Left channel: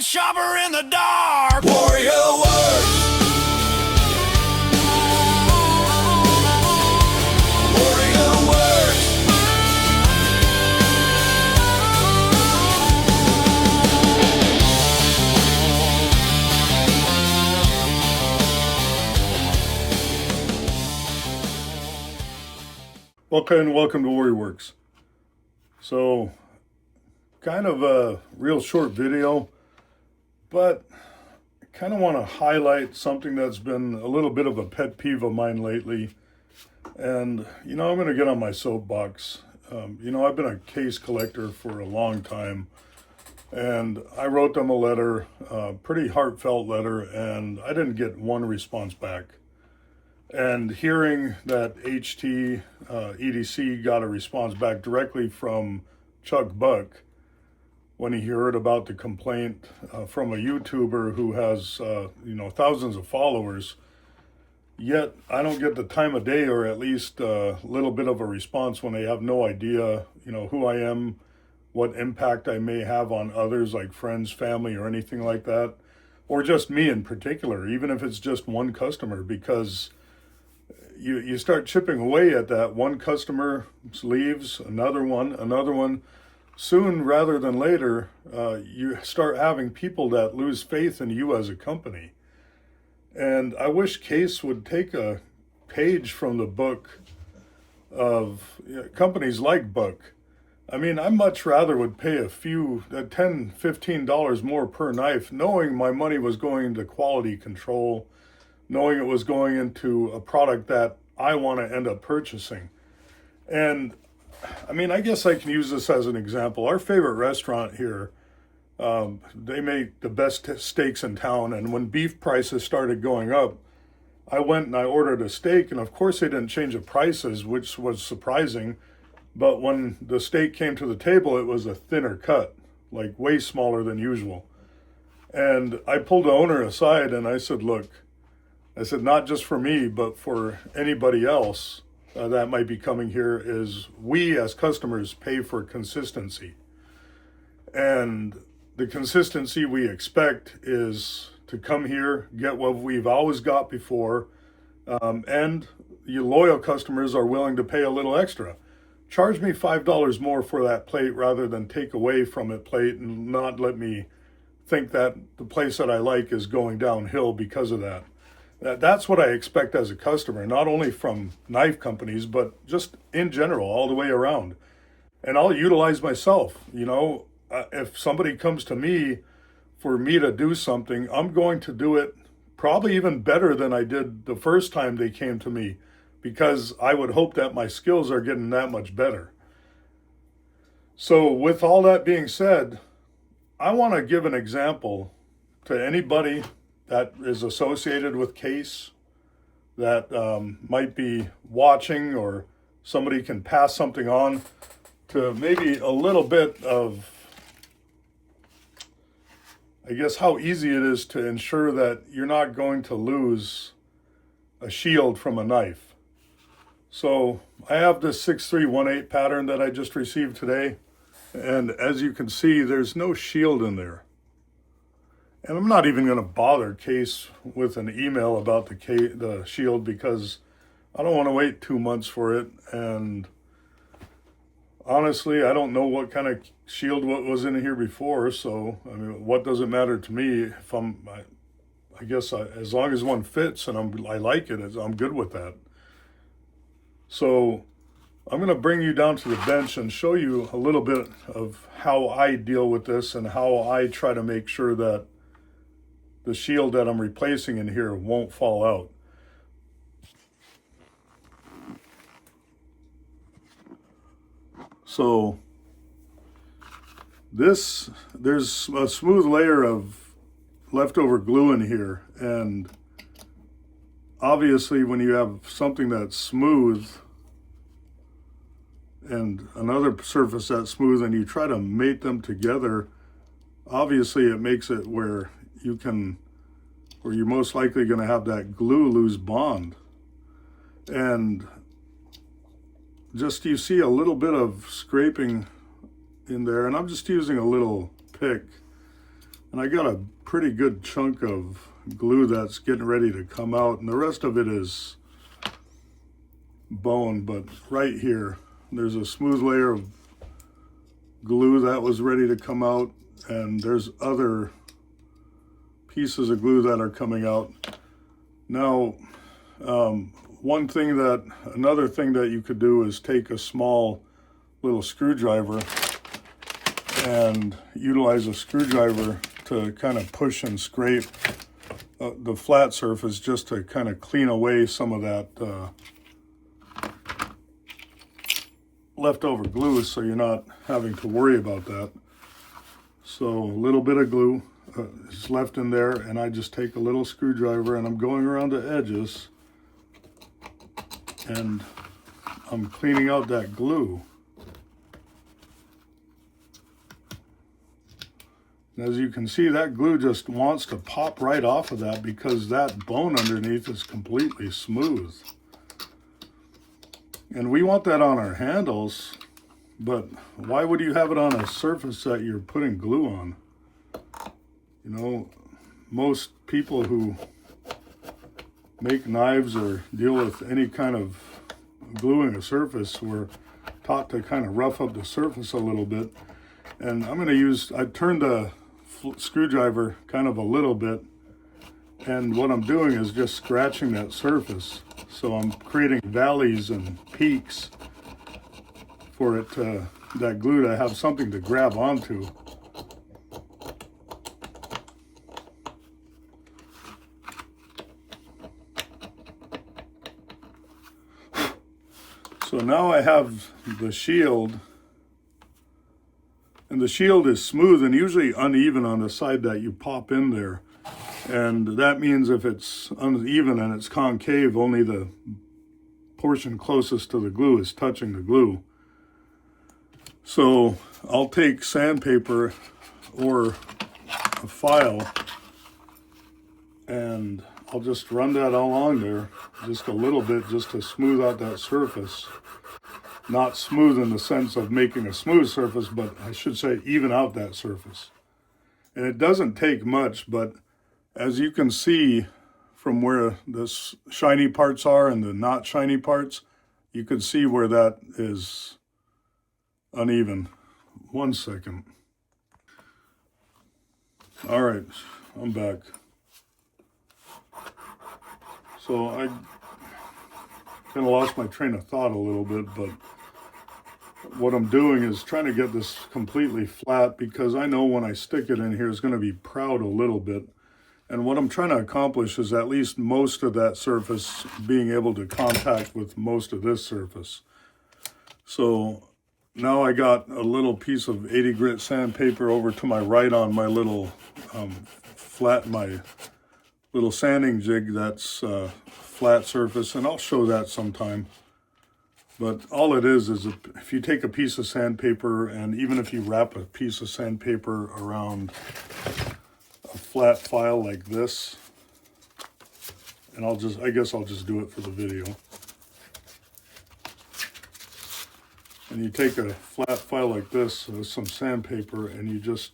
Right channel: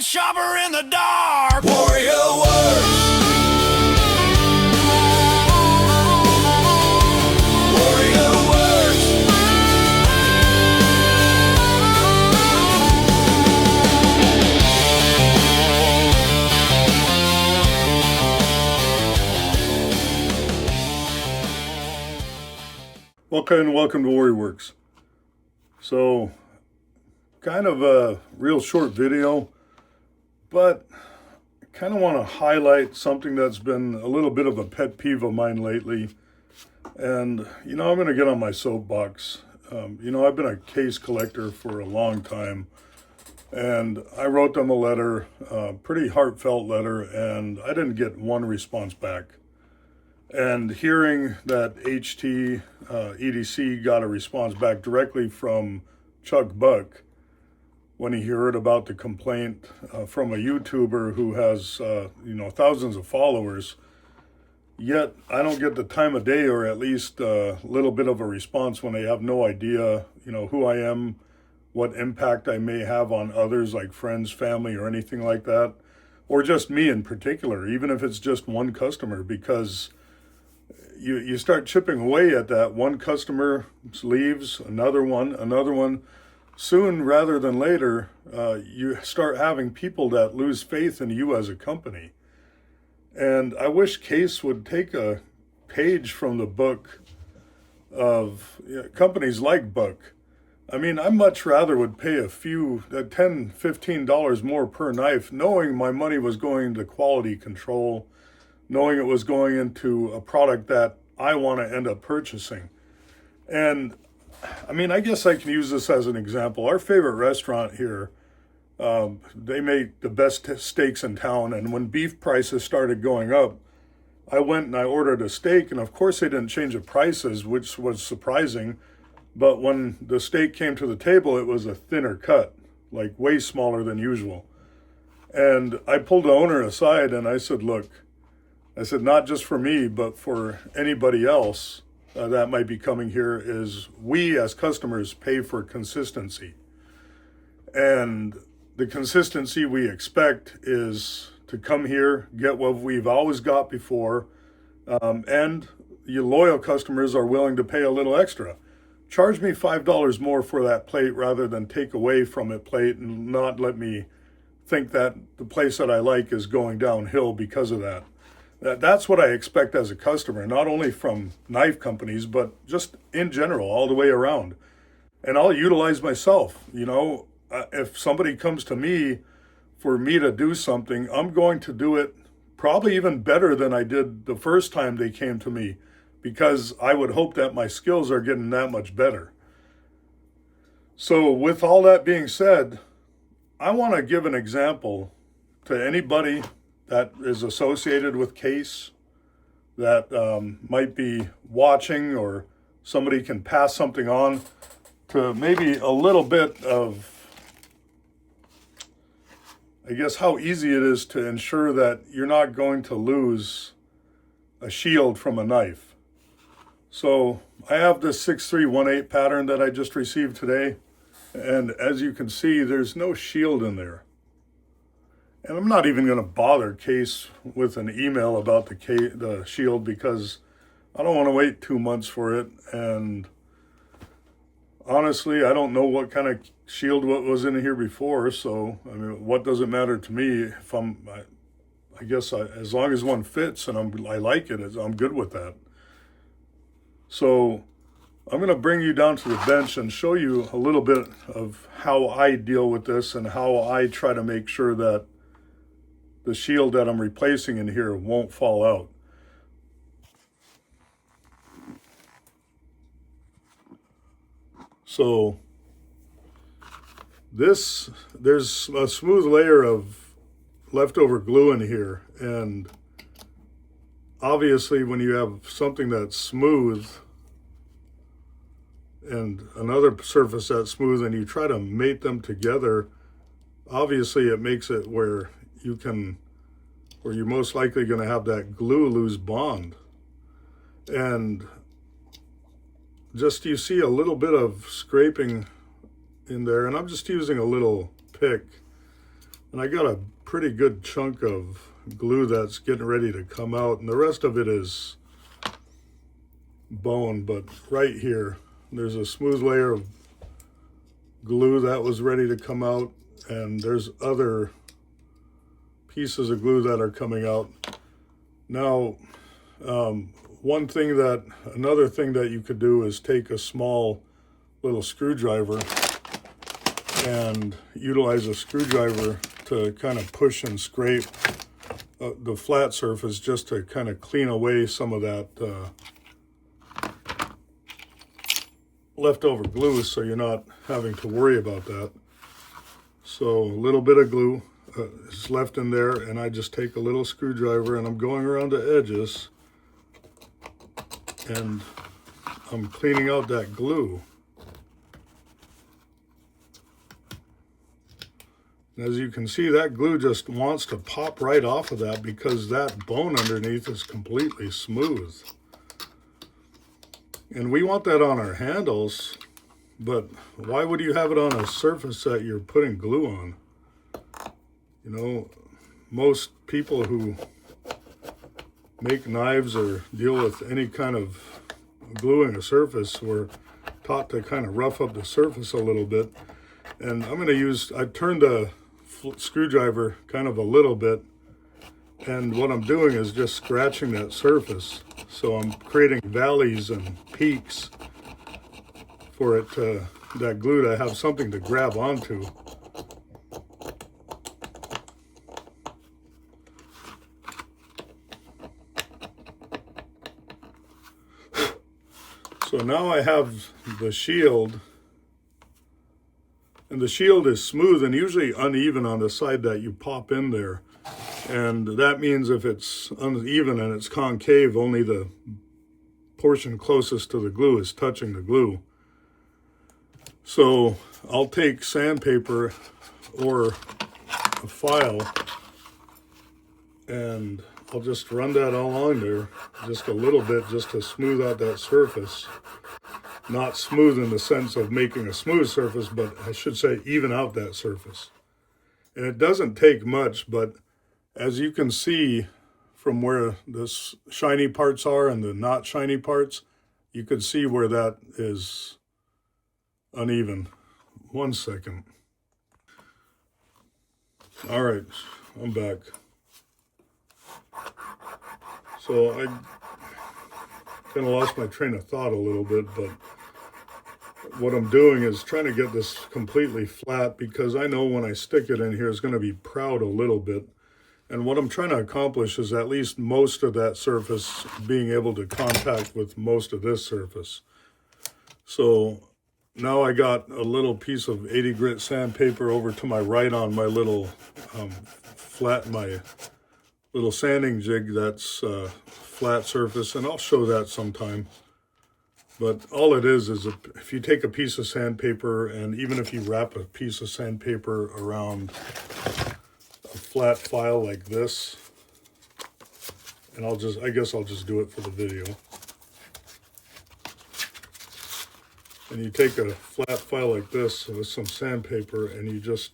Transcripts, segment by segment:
night shopper in the dark. Warrior Works. Warrior Works. Welcome to Warrior Works. So, kind of a real short video, but I kind of want to highlight something that's been a little bit of a pet peeve of mine lately. And, I'm going to get on my soapbox. I've been a case collector for a long time, and I wrote them a letter, a pretty heartfelt letter, and I didn't get one response back. And hearing that EDC got a response back directly from Chuck Buck when he heard about the complaint from a YouTuber who has, thousands of followers, yet I don't get the time of day or at least a little bit of a response when they have no idea, who I am, what impact I may have on others like friends, family, or anything like that, or just me in particular, even if it's just one customer, because you start chipping away at that. One customer leaves, another one. Soon, rather than later, you start having people that lose faith in you as a company. And I wish Case would take a page from the book of companies like Buck. I mean, I much rather would pay a few, $10, $15 more per knife, knowing my money was going into quality control, knowing it was going into a product that I want to end up purchasing. And I mean, I guess I can use this as an example. Our favorite restaurant here, they make the best steaks in town. And when beef prices started going up, I went and I ordered a steak. And of course, they didn't change the prices, which was surprising. But when the steak came to the table, it was a thinner cut, like way smaller than usual. And I pulled the owner aside and I said, look, not just for me, but for anybody else that might be coming here, is we as customers pay for consistency. And the consistency we expect is to come here, get what we've always got before, and your loyal customers are willing to pay a little extra. Charge me $5 more for that plate rather than take away from it plate and not let me think that the place that I like is going downhill because of that. That's what I expect as a customer, not only from knife companies, but just in general, all the way around. And I'll utilize myself. If somebody comes to me for me to do something, I'm going to do it probably even better than I did the first time they came to me, because I would hope that my skills are getting that much better. So with all that being said, I want to give an example to anybody that is associated with Case, that might be watching, or somebody can pass something on, to maybe a little bit of, I guess, how easy it is to ensure that you're not going to lose a shield from a knife. So I have this 6318 pattern that I just received today, and as you can see, there's no shield in there. And I'm not even going to bother Case with an email about the shield, because I don't want to wait 2 months for it. And honestly, I don't know what kind of shield was in here before. So, I mean, what does it matter to me if I guess as long as one fits and I like it, I'm good with that. So I'm going to bring you down to the bench and show you a little bit of how I deal with this and how I try to make sure that the shield that I'm replacing in here won't fall out. So there's a smooth layer of leftover glue in here, and obviously when you have something that's smooth and another surface that's smooth and you try to mate them together, obviously it makes it where you're most likely going to have that glue lose bond. And just, you see a little bit of scraping in there, and I'm just using a little pick And I got a pretty good chunk of glue that's getting ready to come out, and the rest of it is bone. But right here, there's a smooth layer of glue that was ready to come out, and there's other pieces of glue that are coming out. Now, another thing that you could do is take a small little screwdriver and utilize a screwdriver to kind of push and scrape the flat surface, just to kind of clean away some of that leftover glue, so you're not having to worry about that. So a little bit of glue is left in there, and I just take a little screwdriver and I'm going around the edges and I'm cleaning out that glue. And as you can see, that glue just wants to pop right off of that because that bone underneath is completely smooth. And we want that on our handles, but why would you have it on a surface that you're putting glue on? You know, most people who make knives or deal with any kind of gluing a surface were taught to kind of rough up the surface a little bit. And I turned the screwdriver kind of a little bit, and what I'm doing is just scratching that surface. So I'm creating valleys and peaks for it that glue to have something to grab onto. So now I have the shield, and the shield is smooth and usually uneven on the side that you pop in there. And that means if it's uneven and it's concave, only the portion closest to the glue is touching the glue. So I'll take sandpaper or a file and I'll just run that all along there, just a little bit, just to smooth out that surface. Not smooth in the sense of making a smooth surface, but I should say even out that surface. And it doesn't take much, but as you can see from where the shiny parts are and the not shiny parts, you can see where that is uneven. 1 second. All right, I'm back. So I kind of lost my train of thought a little bit, but what I'm doing is trying to get this completely flat, because I know when I stick it in here, it's going to be proud a little bit. And what I'm trying to accomplish is at least most of that surface being able to contact with most of this surface. So now I got a little piece of 80 grit sandpaper over to my right on my little my little sanding jig that's flat surface, and I'll show that sometime. But all it is if you take a piece of sandpaper, and even if you wrap a piece of sandpaper around a flat file like this, and I guess I'll just do it for the video. And you take a flat file like this with some sandpaper, and you just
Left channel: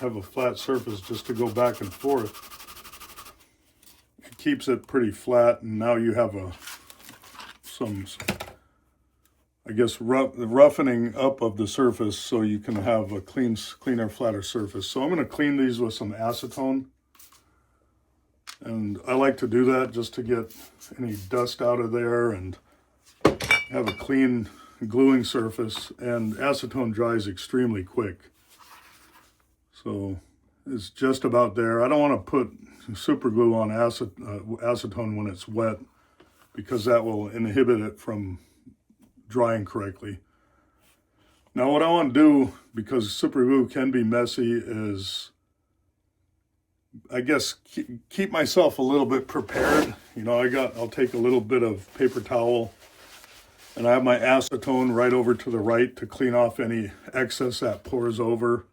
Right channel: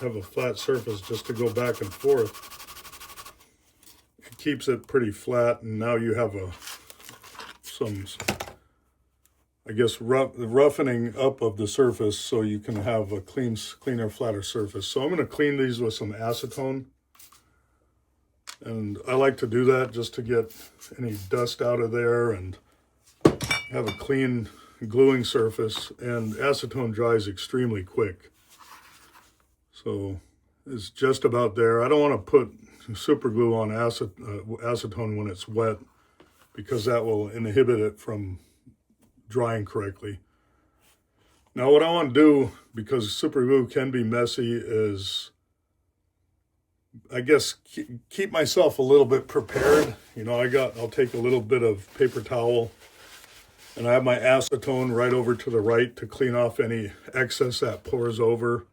have a flat surface just to go back and forth. It keeps it pretty flat, and now you have I guess roughening up of the surface, so you can have a cleaner, flatter surface. So I'm going to clean these with some acetone, and I like to do that just to get any dust out of there and have a clean gluing surface. And acetone dries extremely quick, so it's just about there. I don't want to put super glue on acetone when it's wet, because that will inhibit it from drying correctly. Now what I want to do, because super glue can be messy, is I guess keep myself a little bit prepared. You know, I'll take a little bit of paper towel, and I have my acetone right over to the right to clean off any excess that pours over.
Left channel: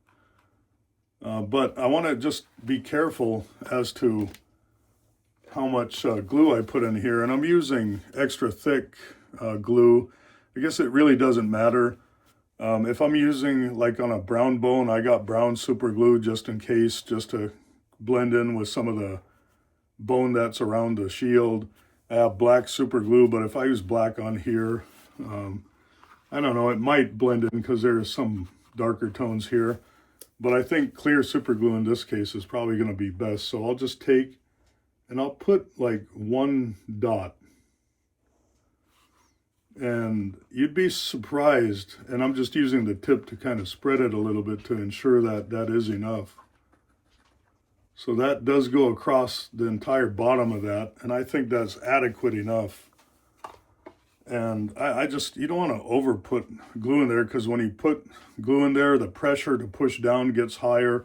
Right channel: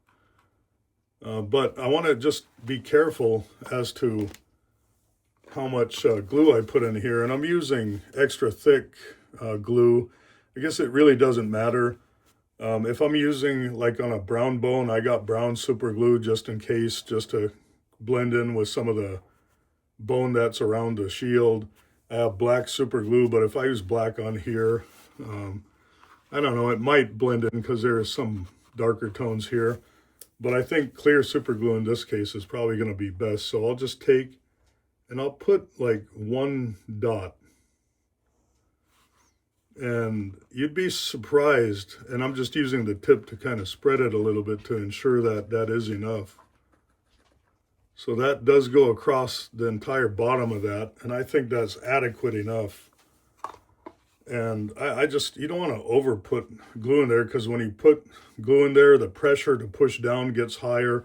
But I want to just be careful as to how much glue I put in here, and I'm using extra thick glue. I guess it really doesn't matter. If I'm using, like on a brown bone, I got brown super glue just in case, just to blend in with some of the bone that's around the shield. I have black super glue, but if I use black on here, I don't know, it might blend in because there is some darker tones here. But I think clear super glue in this case is probably going to be best. So I'll just take and I'll put like one dot. And you'd be surprised, and I'm just using the tip to kind of spread it a little bit to ensure that that is enough. So that does go across the entire bottom of that, and I think that's adequate enough. And I just, you don't want to over put glue in there, because when you put glue in there, the pressure to push down gets higher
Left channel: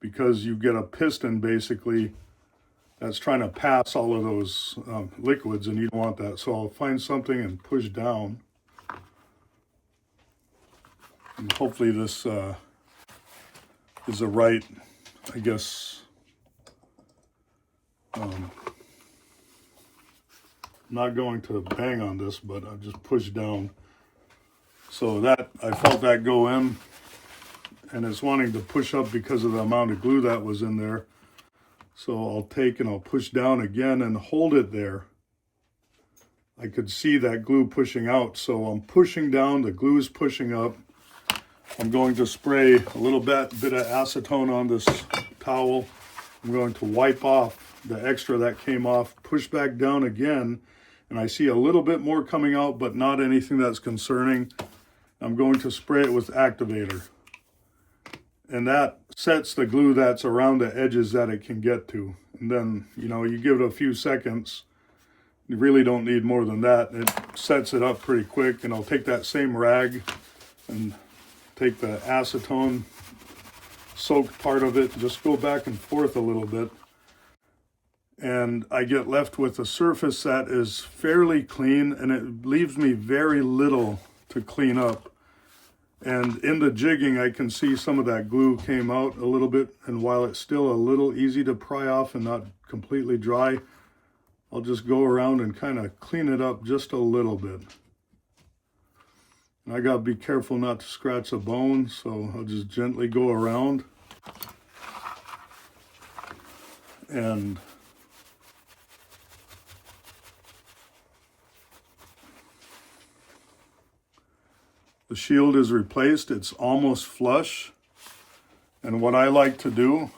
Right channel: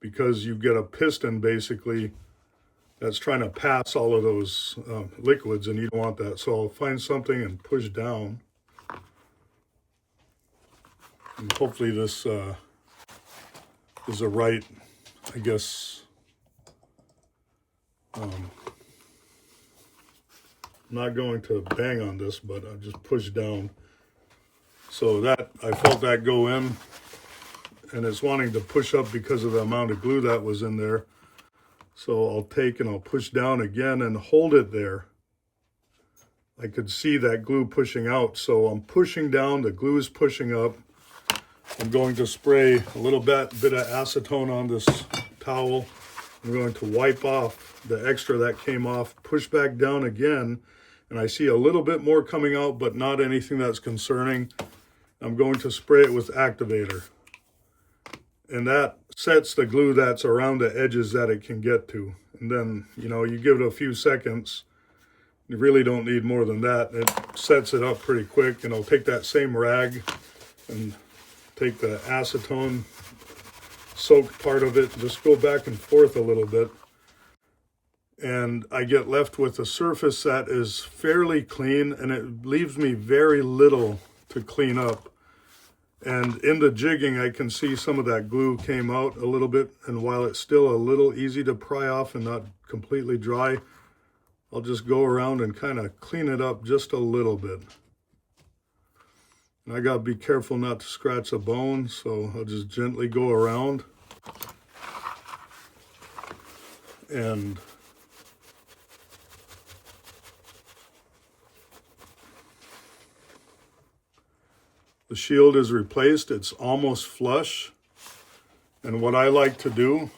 because you get a piston basically that's trying to pass all of those liquids, and you don't want that. So I'll find something and push down. And hopefully this is the right, I guess, I'm not going to bang on this, but I just push down. So that, I felt that go in, and it's wanting to push up because of the amount of glue that was in there. So I'll take and I'll push down again and hold it there. I could see that glue pushing out. So I'm pushing down, the glue is pushing up. I'm going to spray a little bit of acetone on this towel. I'm going to wipe off the extra that came off, push back down again, and I see a little bit more coming out, but not anything that's concerning. I'm going to spray it with activator. And that sets the glue that's around the edges that it can get to. And then, you know, you give it a few seconds. You really don't need more than that. It sets it up pretty quick. And I'll take that same rag and take the acetone soaked part of it, just go back and forth a little bit. And I get left with a surface that is fairly clean, and it leaves me very little to clean up. And in the jigging, I can see some of that glue came out a little bit, and while it's still a little easy to pry off and not completely dry, I'll just go around and kind of clean it up just a little bit. And I gotta be careful not to scratch a bone, so I'll just gently go around. And the shield is replaced. It's almost flush. And what I like to do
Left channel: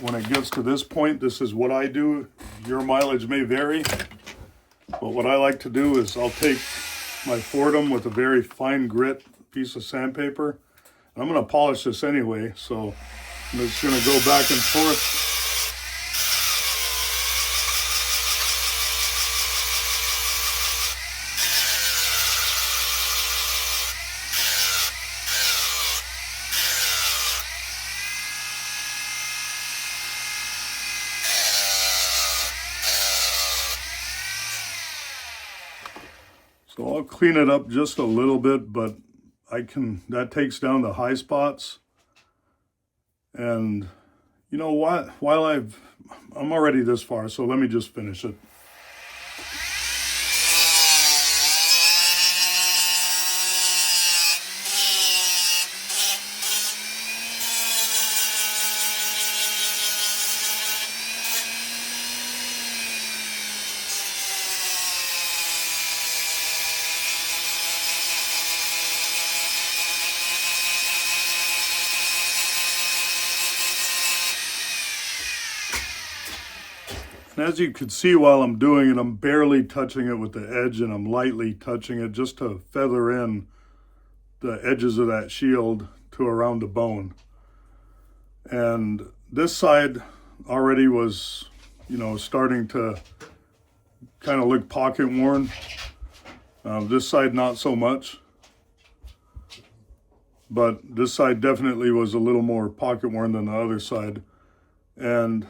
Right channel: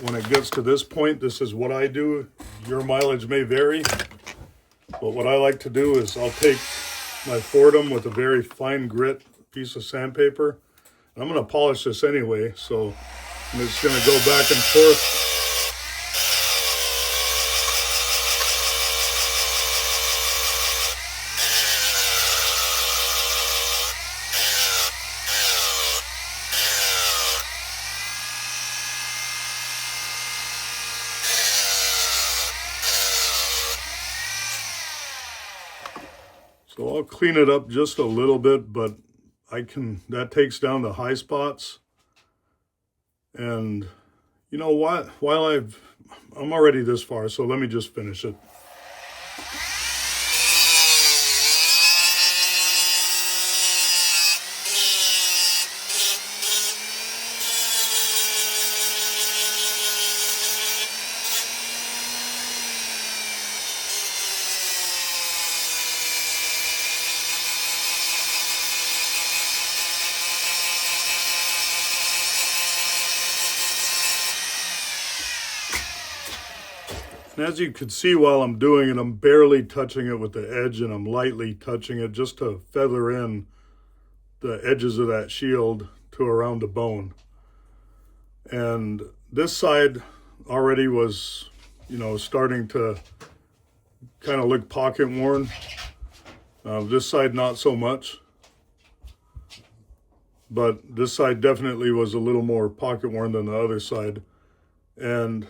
when it gets to this point, this is what I do. Your mileage may vary. But what I like to do is I'll take my Fordham with a very fine grit piece of sandpaper. I'm going to polish this anyway, so I'm just going to go back and forth. So I'll clean it up just a little bit, but that takes down the high spots. And you know what, I'm already this far, so let me just finish it. And as you can see while I'm doing it, I'm barely touching it with the edge, and I'm lightly touching it just to feather in the edges of that shield to around the bone. And this side already was, you know, starting to kind of look pocket worn. This side not so much. But this side definitely was a little more pocket worn than the other side. And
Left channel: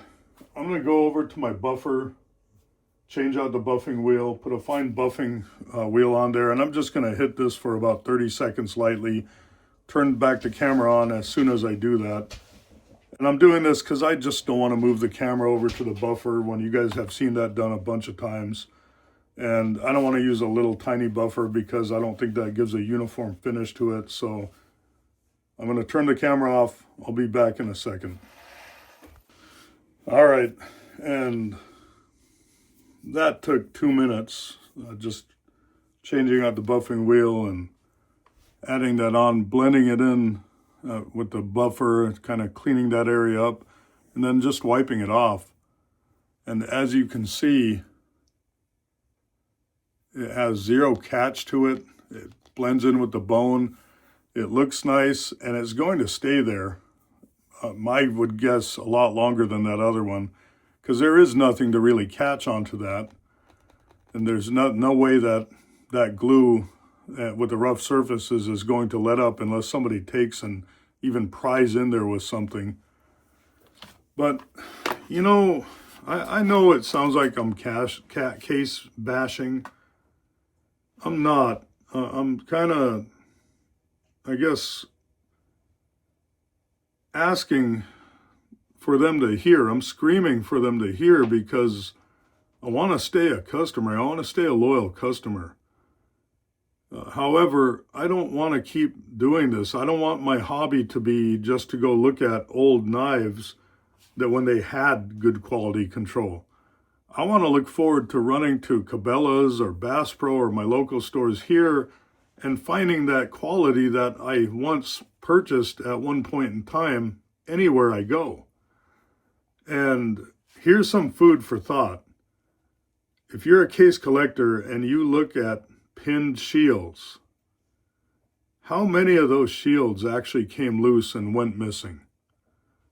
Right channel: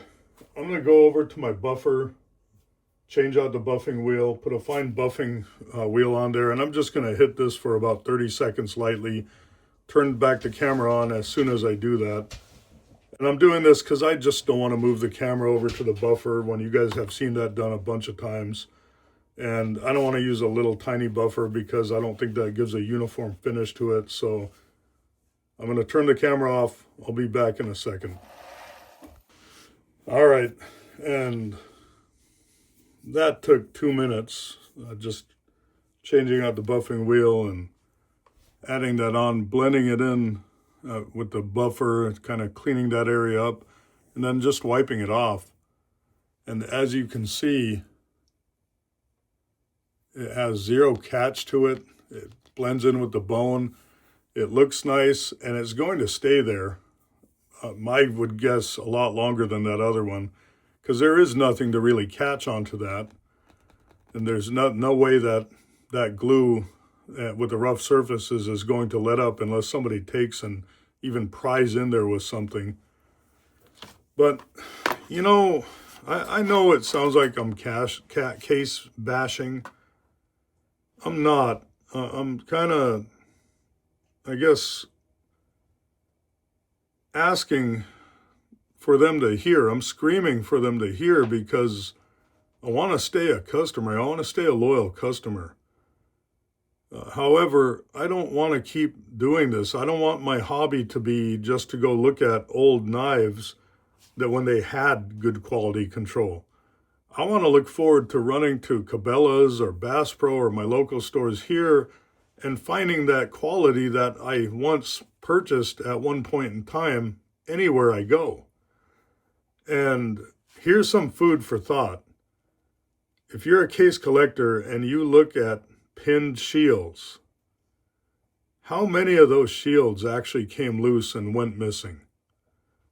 I'm going to go over to my buffer, change out the buffing wheel, put a fine buffing wheel on there, and I'm just going to hit this for about 30 seconds lightly, turn back the camera on as soon as I do that. And I'm doing this because I just don't want to move the camera over to the buffer when you guys have seen that done a bunch of times. And I don't want to use a little tiny buffer because I don't think that gives a uniform finish to it. So I'm going to turn the camera off. I'll be back in a second. All right, and that took 2 minutes, just changing out the buffing wheel and adding that on, blending it in with the buffer, kind of cleaning that area up, and then just wiping it off. And as you can see, it has zero catch to it. It blends in with the bone. It looks nice, and it's going to stay there. I would guess a lot longer than that other one, because there is nothing to really catch onto that. And there's no way that that glue with the rough surfaces is going to let up unless somebody takes and even pries in there with something. But, you know, I know it sounds like I'm case bashing. I'm not. I'm kind of, I guess, asking for them to hear. I'm screaming for them to hear because I want to stay a customer. I want to stay a loyal customer. However, I don't want to keep doing this. I don't want my hobby to be just to go look at old knives that when they had good quality control. I want to look forward to running to Cabela's or Bass Pro or my local stores here and finding that quality that I once purchased at one point in time anywhere I go. And here's some food for thought. If you're a case collector and you look at pinned shields, how many of those shields actually came loose and went missing?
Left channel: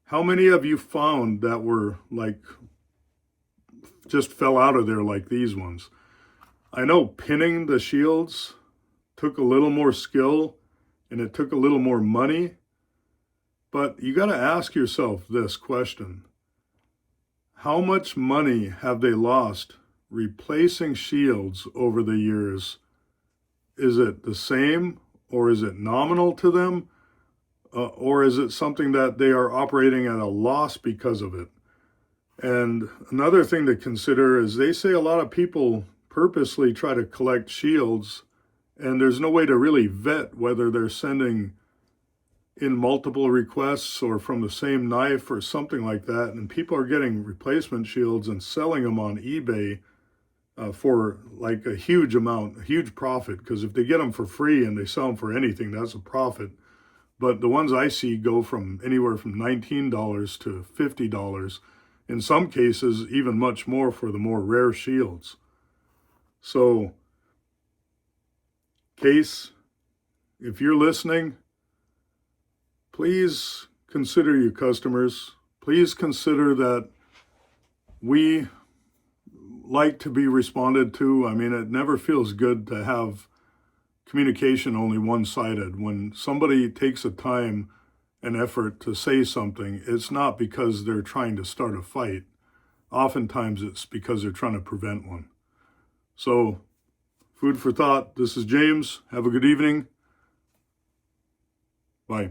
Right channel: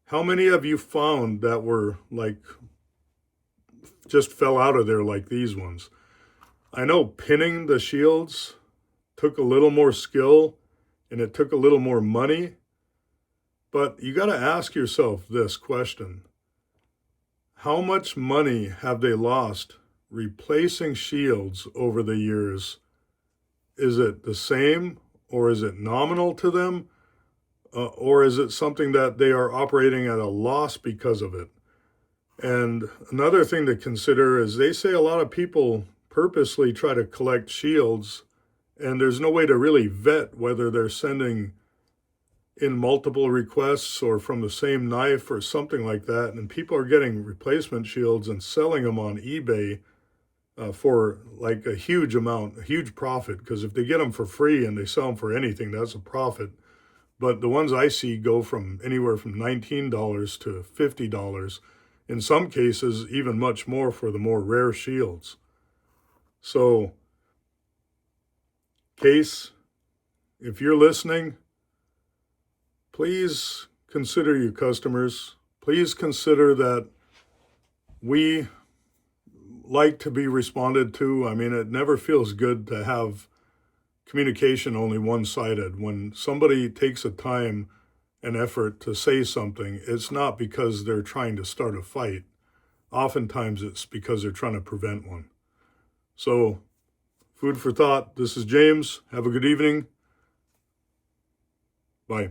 How many of you found that were like, just fell out of there like these ones? I know pinning the shields took a little more skill and it took a little more money, but you got to ask yourself this question. How much money have they lost replacing shields over the years? Is it the same, or is it nominal to them? Or is it something that they are operating at a loss because of it? And another thing to consider is they say a lot of people purposely try to collect shields, and there's no way to really vet whether they're sending in multiple requests or from the same knife or something like that. And people are getting replacement shields and selling them on eBay for like a huge amount, a huge profit, because if they get them for free and they sell them for anything, that's a profit. But the ones I see go from anywhere from $19 to $50, in some cases even much more for the more rare shields. So, Case, if you're listening, please consider your customers. Please consider that we like to be responded to. I mean, it never feels good to have communication only one-sided. When somebody takes a time and effort to say something, it's not because they're trying to start a fight. Oftentimes it's because they're trying to prevent one. So, food for thought. This is James. Have a good evening. Bye.